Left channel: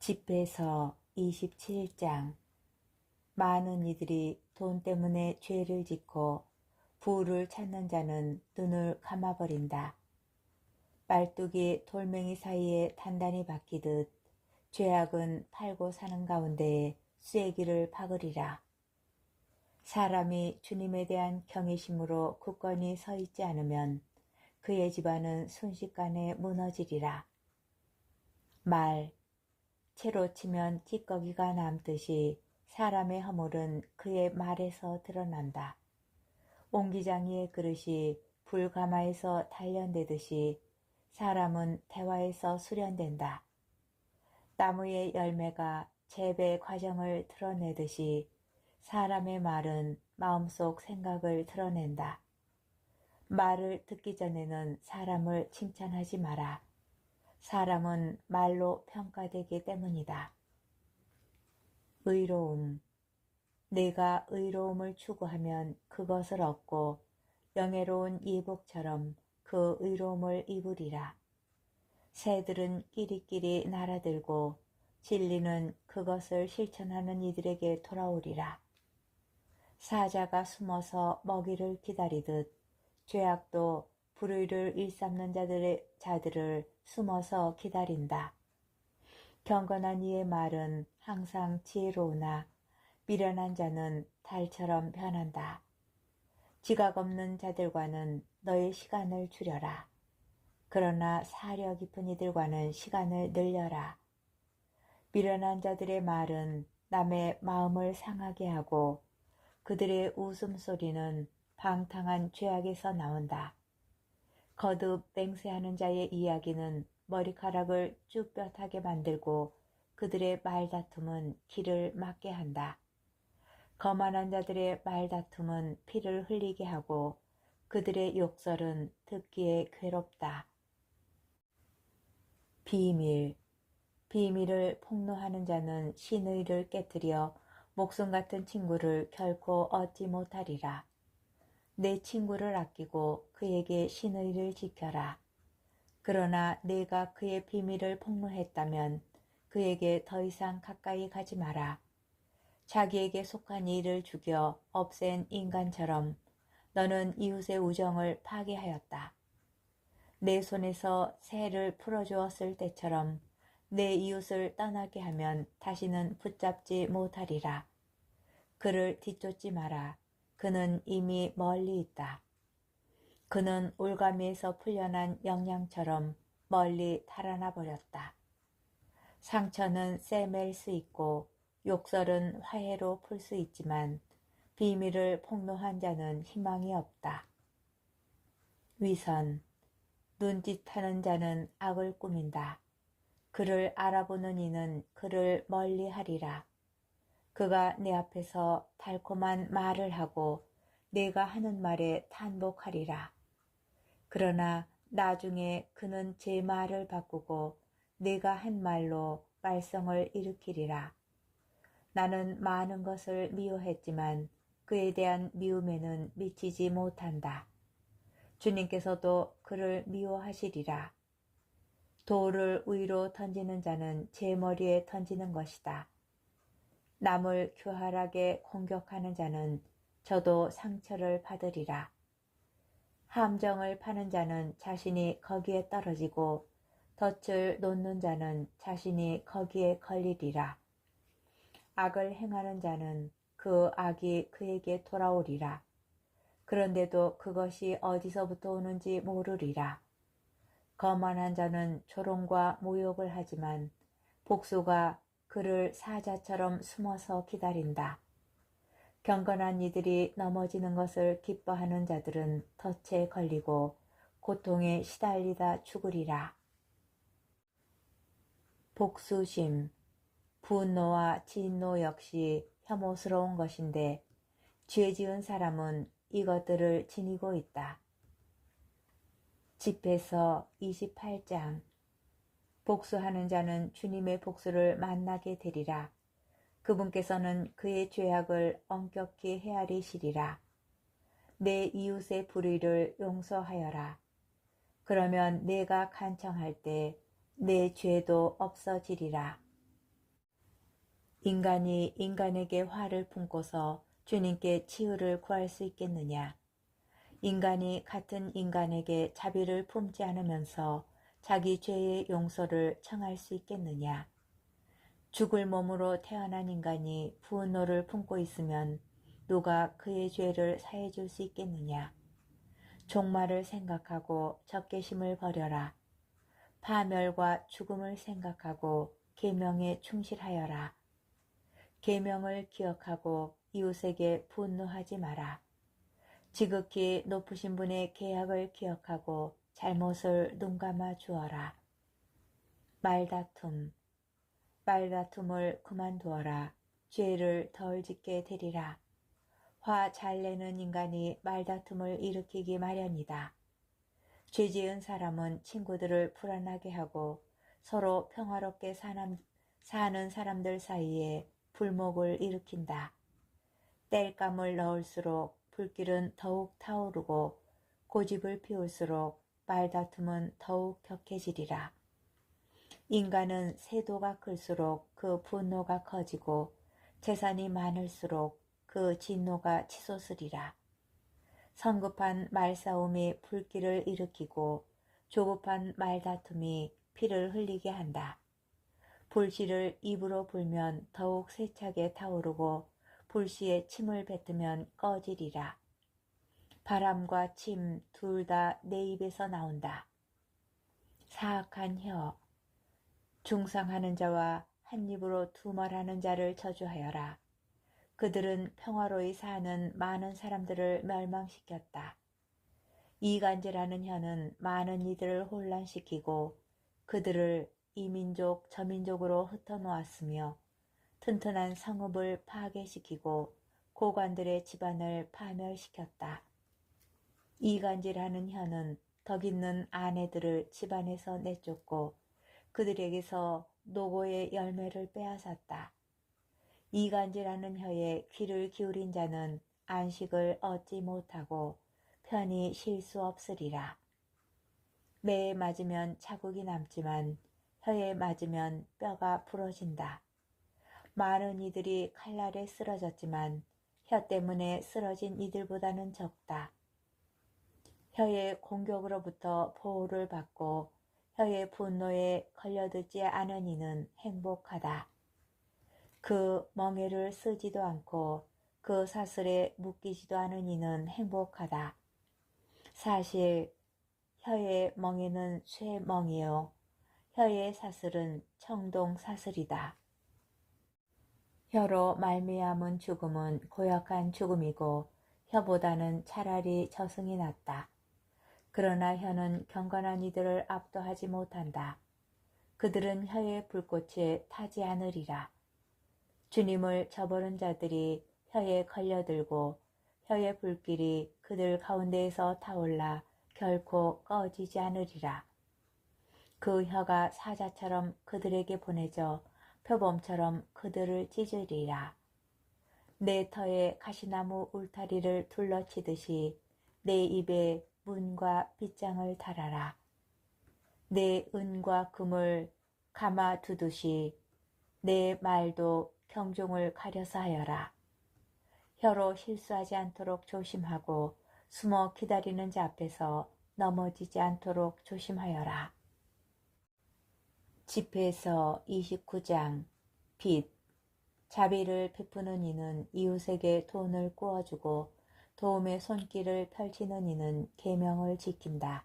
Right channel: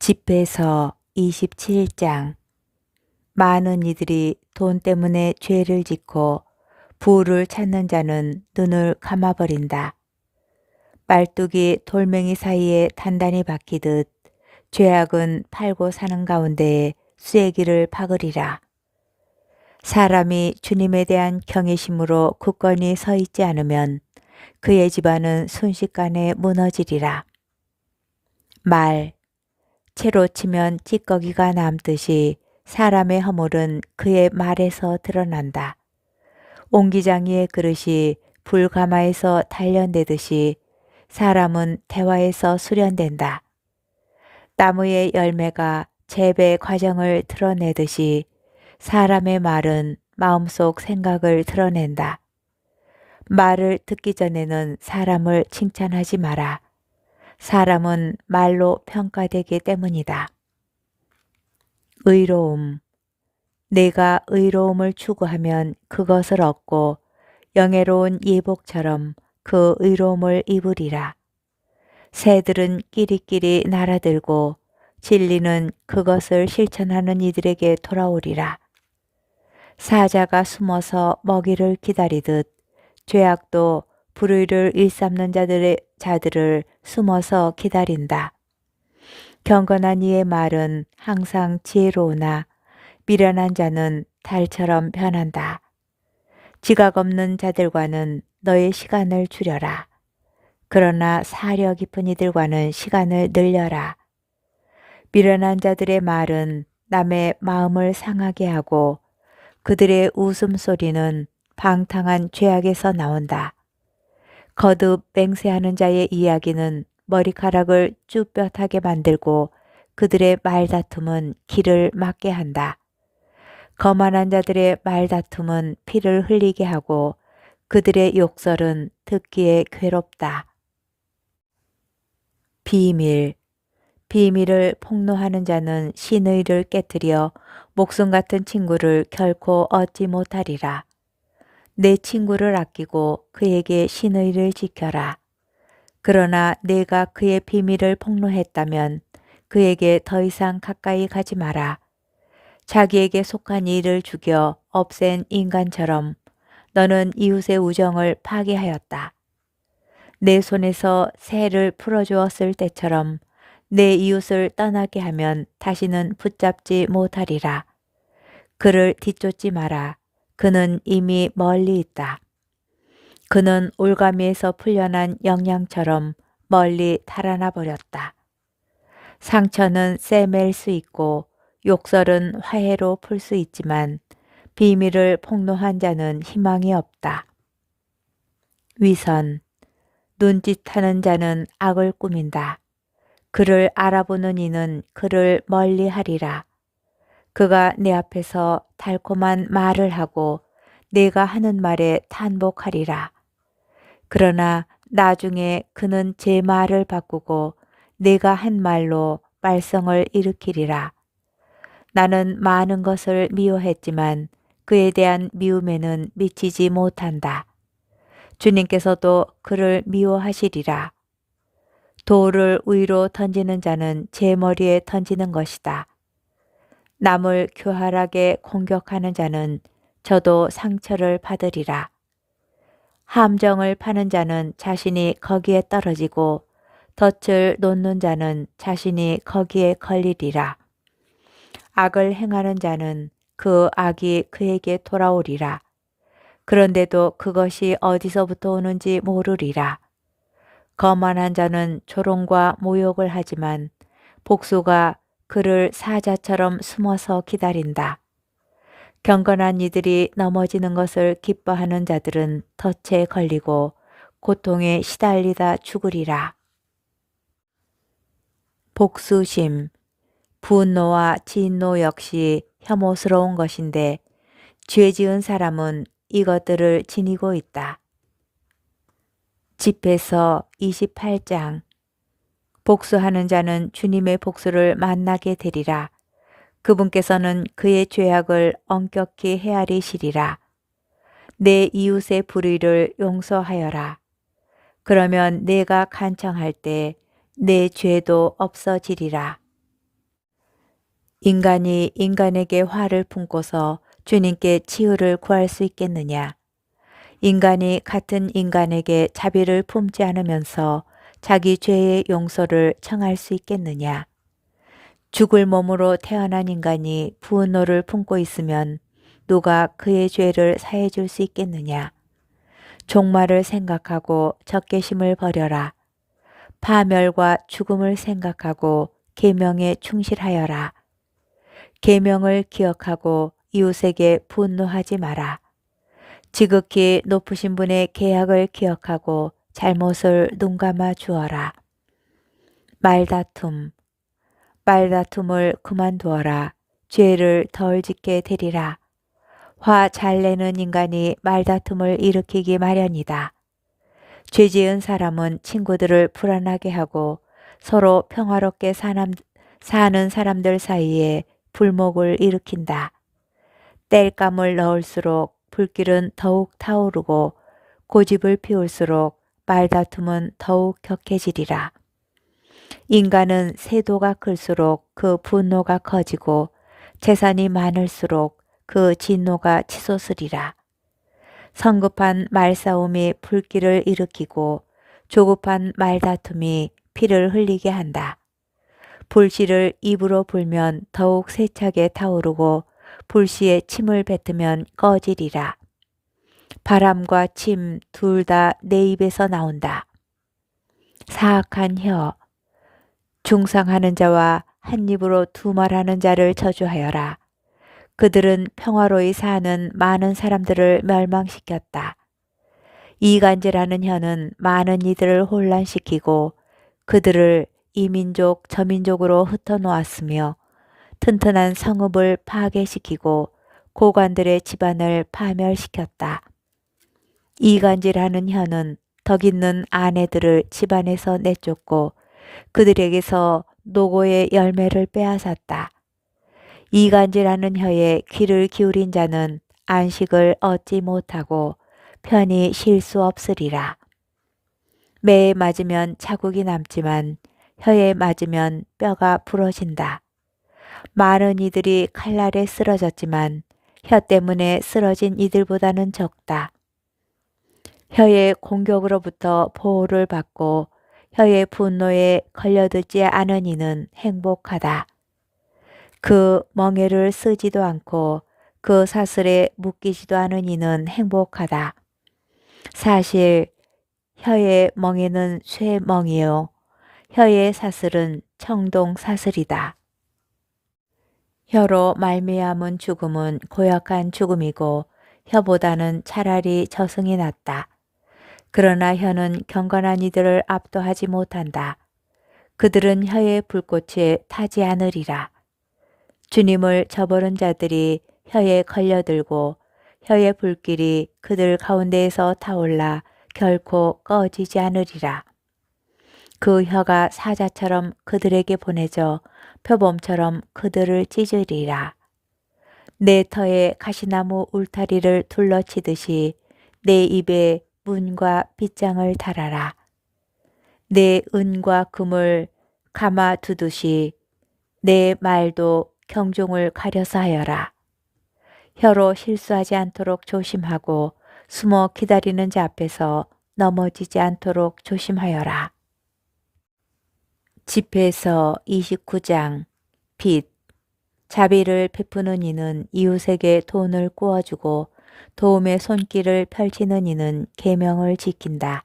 집에서 27장. 많은 이들이 돈 때문에 죄를 짓고 부를 찾는 자는 눈을 감아버린다. 말뚝이 돌멩이 사이에 단단히 박히듯 죄악은 팔고 사는 가운데에 쐐기를 박으리라. 사람이 주님에 대한 경외심으로 굳건히 서 있지 않으면 그의 집안은 순식간에 무너지리라. 말, 채로 치면 찌꺼기가 남듯이 사람의 허물은 그의 말에서 드러난다. 옹기장이의 그릇이 불가마에서 단련되듯이 사람은 대화에서 수련된다. 나무의 열매가 재배 과정을 드러내듯이 사람의 말은 마음속 생각을 드러낸다. 말을 듣기 전에는 사람을 칭찬하지 마라. 사람은 말로 평가되기 때문이다. 의로움. 내가 의로움을 추구하면 그것을 얻고 영예로운 예복처럼 그 의로움을 입으리라. 새들은 끼리끼리 날아들고 진리는 그것을 실천하는 이들에게 돌아오리라. 사자가 숨어서 먹이를 기다리듯 죄악도 불의를 일삼는 자들을 숨어서 기다린다. 경건한 이의 말은 항상 지혜로우나 미련한 자는 달처럼 변한다. 지각 없는 자들과는 너의 시간을 줄여라. 그러나 사려 깊은 이들과는 시간을 늘려라. 미련한 자들의 말은 남의 마음을 상하게 하고 그들의 웃음소리는 방탕한 죄악에서 나온다. 거듭 맹세하는 자의 이야기는 머리카락을 쭈뼛하게 만들고 그들의 말다툼은 길을 막게 한다. 거만한 자들의 말다툼은 피를 흘리게 하고 그들의 욕설은 듣기에 괴롭다. 비밀. 비밀을 폭로하는 자는 신의를 깨뜨려 목숨 같은 친구를 결코 얻지 못하리라. 내 친구를 아끼고 그에게 신의를 지켜라. 그러나 내가 그의 비밀을 폭로했다면 그에게 더 이상 가까이 가지 마라. 자기에게 속한 이를 죽여 없앤 인간처럼 너는 이웃의 우정을 파괴하였다. 내 손에서 새를 풀어주었을 때처럼 내 이웃을 떠나게 하면 다시는 붙잡지 못하리라. 그를 뒤쫓지 마라. 그는 이미 멀리 있다. 그는 올가미에서 풀려난 영양처럼 멀리 달아나 버렸다. 상처는 쎄맬 수 있고 욕설은 화해로 풀 수 있지만 비밀을 폭로한 자는 희망이 없다. 위선. 눈짓하는 자는 악을 꾸민다. 그를 알아보는 이는 그를 멀리하리라. 그가 내 앞에서 달콤한 말을 하고 내가 하는 말에 탄복하리라. 그러나 나중에 그는 제 말을 바꾸고 내가 한 말로 말썽을 일으키리라. 나는 많은 것을 미워했지만 그에 대한 미움에는 미치지 못한다. 주님께서도 그를 미워하시리라. 돌을 위로 던지는 자는 제 머리에 던지는 것이다. 남을 교활하게 공격하는 자는 저도 상처를 받으리라. 함정을 파는 자는 자신이 거기에 떨어지고 덫을 놓는 자는 자신이 거기에 걸리리라. 악을 행하는 자는 그 악이 그에게 돌아오리라. 그런데도 그것이 어디서부터 오는지 모르리라. 거만한 자는 조롱과 모욕을 하지만 복수가 그를 사자처럼 숨어서 기다린다. 경건한 이들이 넘어지는 것을 기뻐하는 자들은 덫에 걸리고 고통에 시달리다 죽으리라. 복수심. 분노와 진노 역시 혐오스러운 것인데 죄 지은 사람은 이것들을 지니고 있다. 집에서 28장. 복수하는 자는 주님의 복수를 만나게 되리라. 그분께서는 그의 죄악을 엄격히 헤아리시리라. 내 이웃의 불의를 용서하여라. 그러면 내가 간청할 때 내 죄도 없어지리라. 인간이 인간에게 화를 품고서 주님께 치유를 구할 수 있겠느냐? 인간이 같은 인간에게 자비를 품지 않으면서 자기 죄의 용서를 청할 수 있겠느냐? 죽을 몸으로 태어난 인간이 분노를 품고 있으면 누가 그의 죄를 사해 줄 수 있겠느냐? 종말을 생각하고 적개심을 버려라. 파멸과 죽음을 생각하고 계명에 충실하여라. 계명을 기억하고 이웃에게 분노하지 마라. 지극히 높으신 분의 계약을 기억하고 잘못을 눈감아 주어라. 말다툼을 그만두어라. 죄를 덜 짓게 되리라. 화 잘 내는 인간이 말다툼을 일으키기 마련이다. 죄 지은 사람은 친구들을 불안하게 하고 서로 평화롭게 사는 사람들 사이에 불목을 일으킨다. 땔감을 넣을수록 불길은 더욱 타오르고 고집을 피울수록 말다툼은 더욱 격해지리라. 인간은 세도가 클수록 그 분노가 커지고 재산이 많을수록 그 진노가 치솟으리라. 성급한 말싸움이 불길을 일으키고 조급한 말다툼이 피를 흘리게 한다. 불씨를 입으로 불면 더욱 세차게 타오르고 불씨에 침을 뱉으면 꺼지리라. 바람과 침 둘 다 내 입에서 나온다. 사악한 혀, 중상하는 자와 한 입으로 두 말하는 자를 저주하여라. 그들은 평화로이 사는 많은 사람들을 멸망시켰다. 이간질하는 혀는 많은 이들을 혼란시키고 그들을 이 민족 저 민족으로 흩어놓았으며 튼튼한 성읍을 파괴시키고 고관들의 집안을 파멸시켰다. 이간질하는 혀는 덕 있는 아내들을 집안에서 내쫓고 그들에게서 노고의 열매를 빼앗았다. 이간질하는 혀에 귀를 기울인 자는 안식을 얻지 못하고 편히 쉴 수 없으리라. 매에 맞으면 자국이 남지만 혀에 맞으면 뼈가 부러진다. 많은 이들이 칼날에 쓰러졌지만 혀 때문에 쓰러진 이들보다는 적다. 혀의 공격으로부터 보호를 받고 혀의 분노에 걸려들지 않은 이는 행복하다. 그 멍에를 쓰지도 않고 그 사슬에 묶이지도 않은 이는 행복하다. 사실 혀의 멍에는 쇠 멍이요 혀의 사슬은 청동 사슬이다. 혀로 말미암은 죽음은 고약한 죽음이고 혀보다는 차라리 저승이 낫다. 그러나 혀는 경건한 이들을 압도하지 못한다. 그들은 혀의 불꽃에 타지 않으리라. 주님을 저버린 자들이 혀에 걸려들고 혀의 불길이 그들 가운데에서 타올라 결코 꺼지지 않으리라. 그 혀가 사자처럼 그들에게 보내져 표범처럼 그들을 찢으리라. 내 터에 가시나무 울타리를 둘러치듯이 내 입에 문과 빗장을 달아라. 내 은과 금을 감아두듯이 내 말도 경종을 가려서 하여라. 혀로 실수하지 않도록 조심하고 숨어 기다리는 자 앞에서 넘어지지 않도록 조심하여라. 집회서 29장 빚 자비를 베푸는 이는 이웃에게 돈을 꾸어주고 도움의 손길을 펼치는 이는 계명을 지킨다.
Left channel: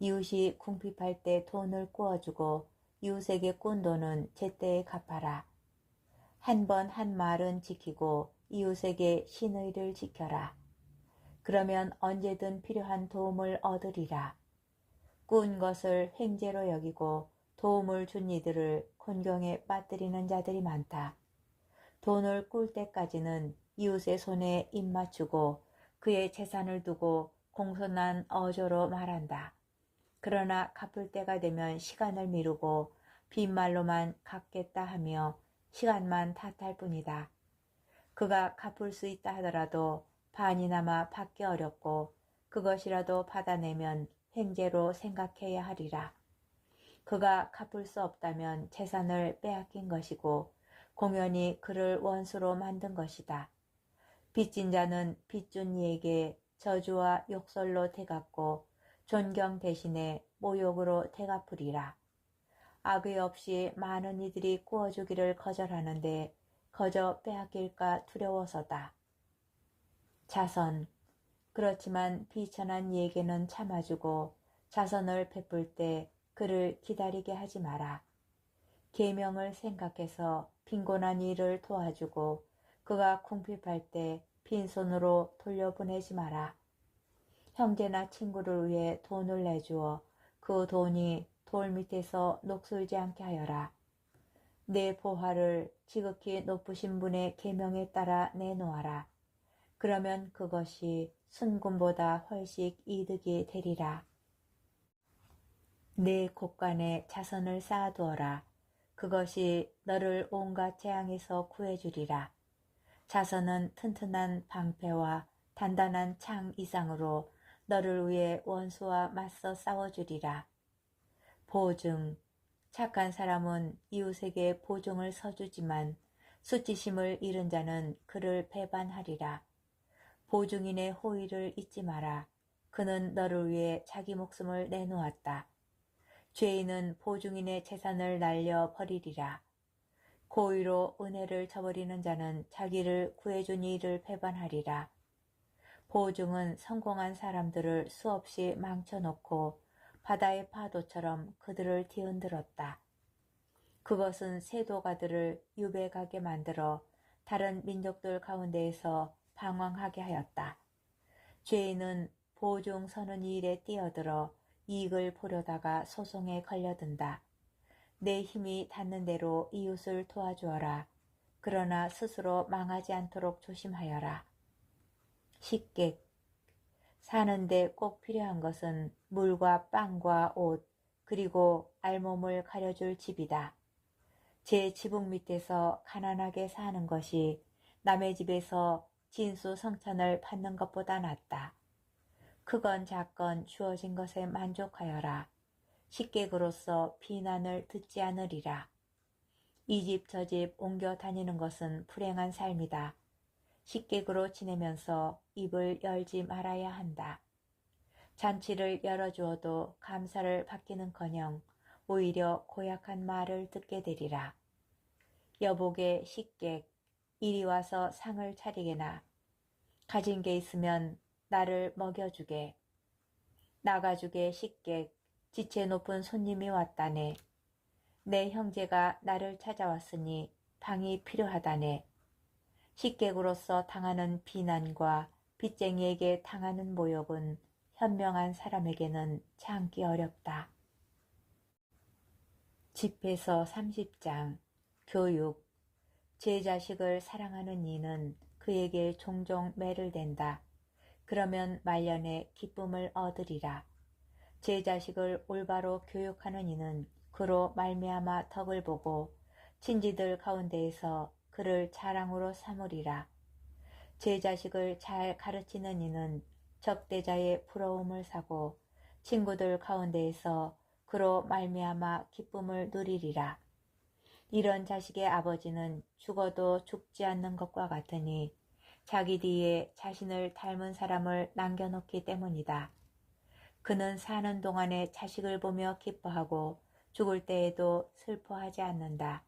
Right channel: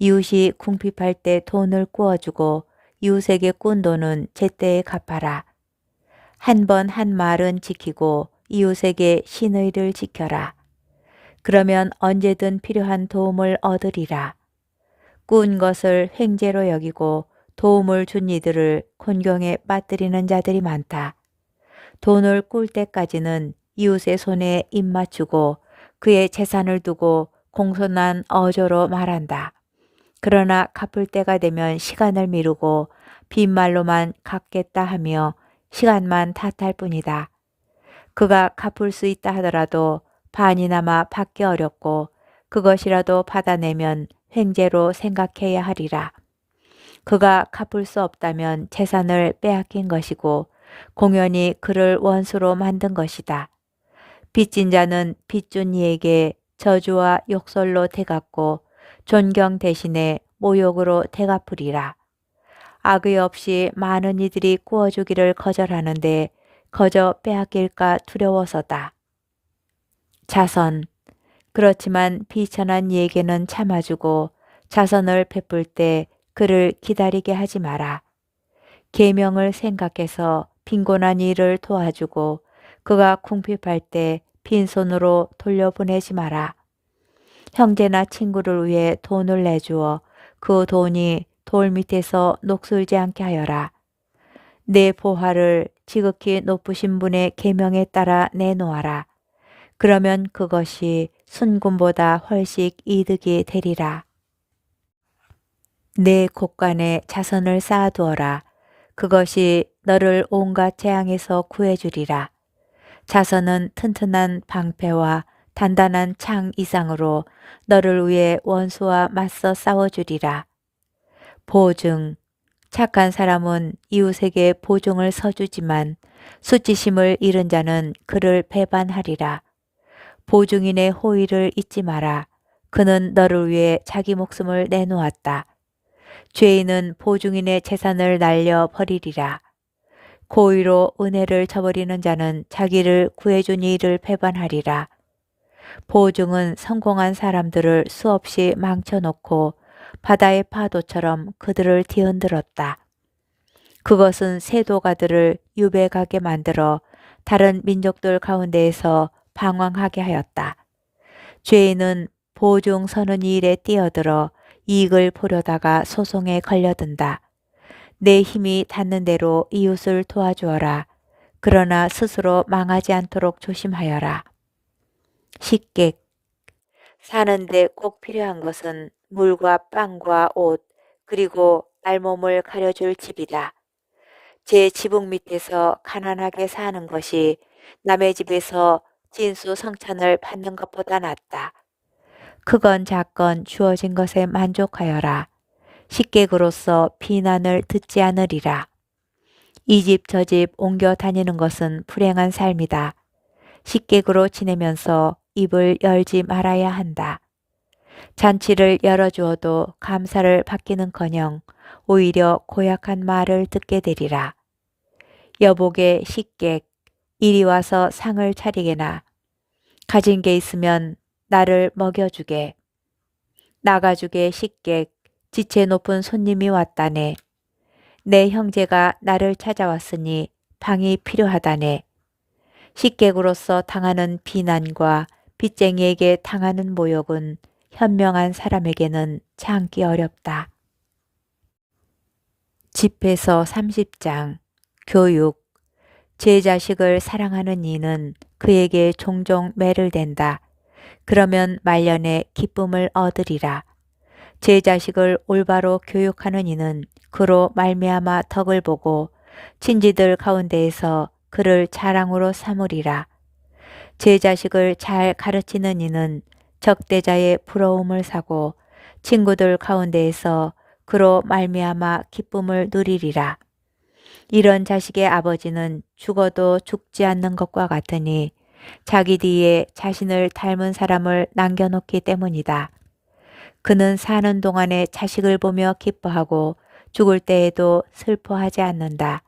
이웃이 궁핍할 때 돈을 꾸어주고 이웃에게 꾼 돈은 제때에 갚아라. 한 번 한 말은 지키고 이웃에게 신의를 지켜라. 그러면 언제든 필요한 도움을 얻으리라. 꾼 것을 횡재로 여기고 도움을 준 이들을 곤경에 빠뜨리는 자들이 많다. 돈을 꿀 때까지는 이웃의 손에 입 맞추고 그의 재산을 두고 공손한 어조로 말한다. 그러나 갚을 때가 되면 시간을 미루고 빈말로만 갚겠다 하며 시간만 탓할 뿐이다. 그가 갚을 수 있다 하더라도 반이나마 받기 어렵고 그것이라도 받아내면 횡재로 생각해야 하리라. 그가 갚을 수 없다면 재산을 빼앗긴 것이고 공연히 그를 원수로 만든 것이다. 빚진 자는 빚준 이에게 저주와 욕설로 대갚고 존경 대신에 모욕으로 대갚으리라. 악의 없이 많은 이들이 구워주기를 거절하는데 거저 빼앗길까 두려워서다. 자선. 그렇지만 비천한 이에게는 참아주고 자선을 베풀 때 그를 기다리게 하지 마라. 계명을 생각해서 빈곤한 이를 도와주고 그가 궁핍할 때 빈손으로 돌려보내지 마라. 형제나 친구를 위해 돈을 내주어 그 돈이 돌 밑에서 녹슬지 않게 하여라. 내 보화를 지극히 높으신 분의 계명에 따라 내놓아라. 그러면 그것이 순금보다 훨씬 이득이 되리라. 내 곳간에 자선을 쌓아두어라. 그것이 너를 온갖 재앙에서 구해주리라. 자선은 튼튼한 방패와 단단한 창 이상으로 너를 위해 원수와 맞서 싸워주리라. 보증. 착한 사람은 이웃에게 보증을 서주지만 수치심을 잃은 자는 그를 배반하리라. 보증인의 호의를 잊지 마라. 그는 너를 위해 자기 목숨을 내놓았다. 죄인은 보증인의 재산을 날려 버리리라. 고의로 은혜를 저버리는 자는 자기를 구해준 이를 배반하리라. 보증은 성공한 사람들을 수없이 망쳐놓고 바다의 파도처럼 그들을 뒤흔들었다. 그것은 세도가들을 유배가게 만들어 다른 민족들 가운데에서 방황하게 하였다. 죄인은 보증 서는 일에 뛰어들어 이익을 보려다가 소송에 걸려든다. 내 힘이 닿는 대로 이웃을 도와주어라. 그러나 스스로 망하지 않도록 조심하여라. 식객. 사는데 꼭 필요한 것은 물과 빵과 옷, 그리고 알몸을 가려줄 집이다. 제 지붕 밑에서 가난하게 사는 것이 남의 집에서 진수성찬을 받는 것보다 낫다. 크건 작건 주어진 것에 만족하여라. 식객으로서 비난을 듣지 않으리라. 이 집 저 집 옮겨 다니는 것은 불행한 삶이다. 식객으로 지내면서 입을 열지 말아야 한다. 잔치를 열어주어도 감사를 받기는커녕 오히려 고약한 말을 듣게 되리라. 여복의 식객, 이리 와서 상을 차리게나. 가진 게 있으면 나를 먹여주게. 나가주게 식객, 지체 높은 손님이 왔다네. 내 형제가 나를 찾아왔으니 방이 필요하다네. 식객으로서 당하는 비난과 빚쟁이에게 당하는 모욕은 현명한 사람에게는 참기 어렵다. 집에서 30장 교육. 제 자식을 사랑하는 이는 그에게 종종 매를 댄다. 그러면 말년에 기쁨을 얻으리라. 제 자식을 올바로 교육하는 이는 그로 말미암아 덕을 보고 친지들 가운데에서 그를 자랑으로 삼으리라. 제 자식을 잘 가르치는 이는 적대자의 부러움을 사고 친구들 가운데에서 그로 말미암아 기쁨을 누리리라. 이런 자식의 아버지는 죽어도 죽지 않는 것과 같으니 자기 뒤에 자신을 닮은 사람을 남겨놓기 때문이다. 그는 사는 동안에 자식을 보며 기뻐하고 죽을 때에도 슬퍼하지 않는다.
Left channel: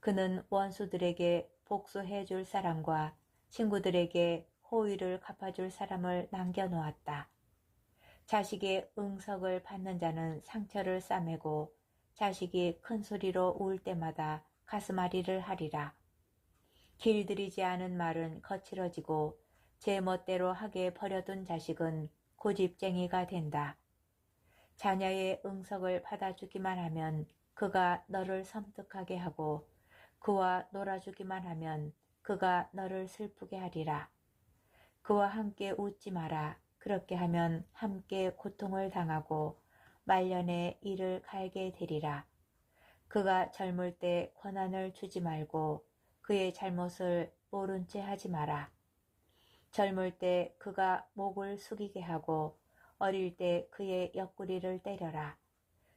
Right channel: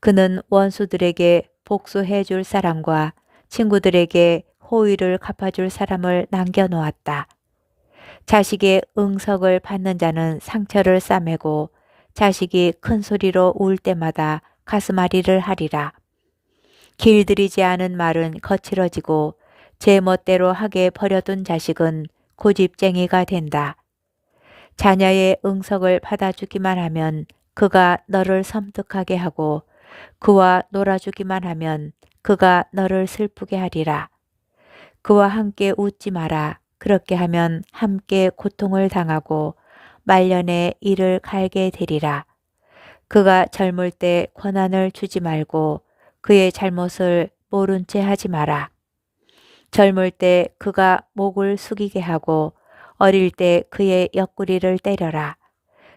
그는 원수들에게 복수해 줄 사람과 친구들에게 호의를 갚아줄 사람을 남겨놓았다. 자식의 응석을 받는 자는 상처를 싸매고 자식이 큰 소리로 울 때마다 가슴앓이를 하리라. 길들이지 않은 말은 거칠어지고 제 멋대로 하게 버려둔 자식은 고집쟁이가 된다. 자녀의 응석을 받아주기만 하면 그가 너를 섬뜩하게 하고 그와 놀아주기만 하면 그가 너를 슬프게 하리라. 그와 함께 웃지 마라. 그렇게 하면 함께 고통을 당하고 말년에 이를 갈게 되리라. 그가 젊을 때 권한을 주지 말고 그의 잘못을 모른 채 하지 마라. 젊을 때 그가 목을 숙이게 하고 어릴 때 그의 옆구리를 때려라.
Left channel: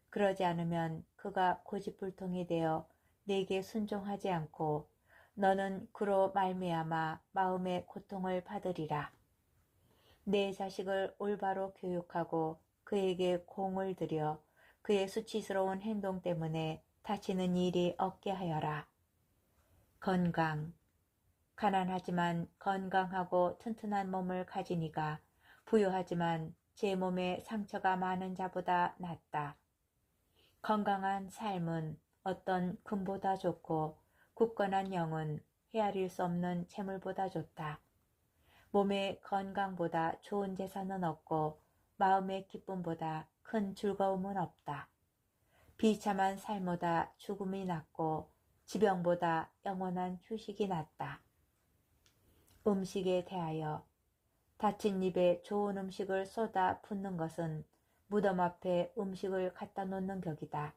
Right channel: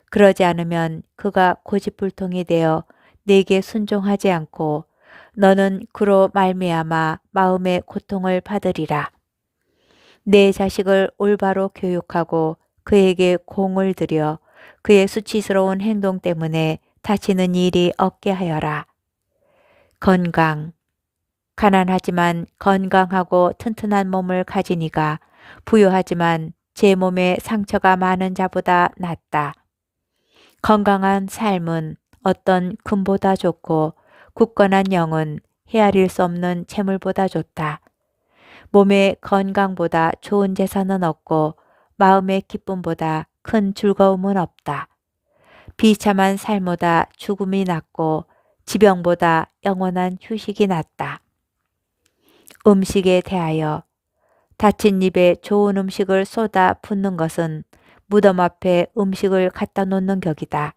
그러지 않으면 그가 고집불통이 되어 내게 순종하지 않고 너는 그로 말미암아 마음의 고통을 받으리라. 내 자식을 올바로 교육하고 그에게 공을 들여 그의 수치스러운 행동 때문에 다치는 일이 없게 하여라. 건강. 가난하지만 건강하고 튼튼한 몸을 가진 이가 부유하지만 제 몸에 상처가 많은 자보다 낫다. 건강한 삶은 어떤 금보다 좋고 굳건한 영은 헤아릴 수 없는 재물보다 좋다. 몸의 건강보다 좋은 재산은 없고 마음의 기쁨보다 큰 즐거움은 없다. 비참한 삶보다 죽음이 낫고 지병보다 영원한 휴식이 낫다. 음식에 대하여 다친 입에 좋은 음식을 쏟아 붓는 것은 무덤 앞에 음식을 갖다 놓는 격이다.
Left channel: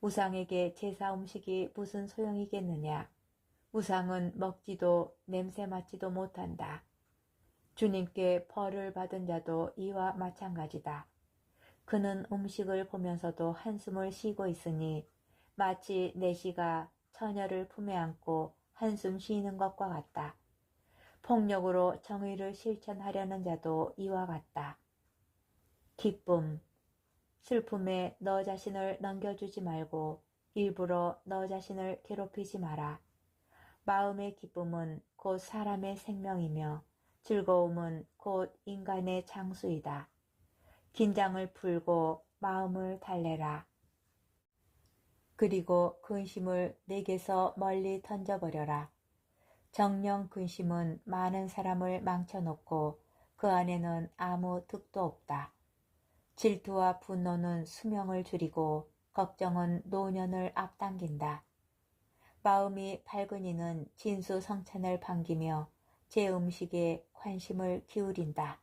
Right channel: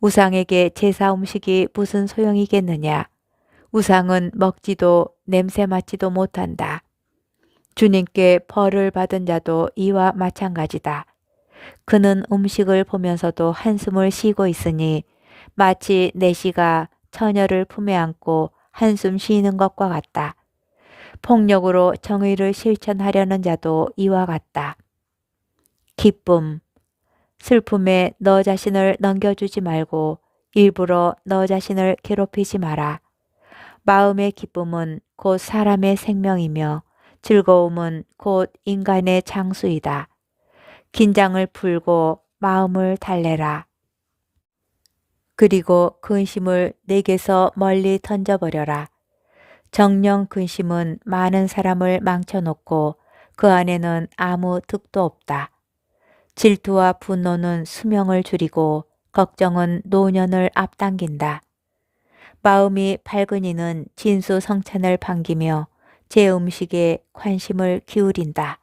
우상에게 제사 음식이 무슨 소용이겠느냐. 우상은 먹지도 냄새 맡지도 못한다. 주님께 벌을 받은 자도 이와 마찬가지다. 그는 음식을 보면서도 한숨을 쉬고 있으니 마치 내시가 처녀를 품에 안고 한숨 쉬는 것과 같다. 폭력으로 정의를 실천하려는 자도 이와 같다. 기쁨. 슬픔에 너 자신을 넘겨주지 말고 일부러 너 자신을 괴롭히지 마라. 마음의 기쁨은 곧 사람의 생명이며 즐거움은 곧 인간의 장수이다. 긴장을 풀고 마음을 달래라. 그리고 근심을 내게서 멀리 던져버려라. 정령 근심은 많은 사람을 망쳐놓고 그 안에는 아무 득도 없다. 질투와 분노는 수명을 줄이고 걱정은 노년을 앞당긴다. 마음이 밝은 이는 진수성찬을 반기며 제 음식에 관심을 기울인다.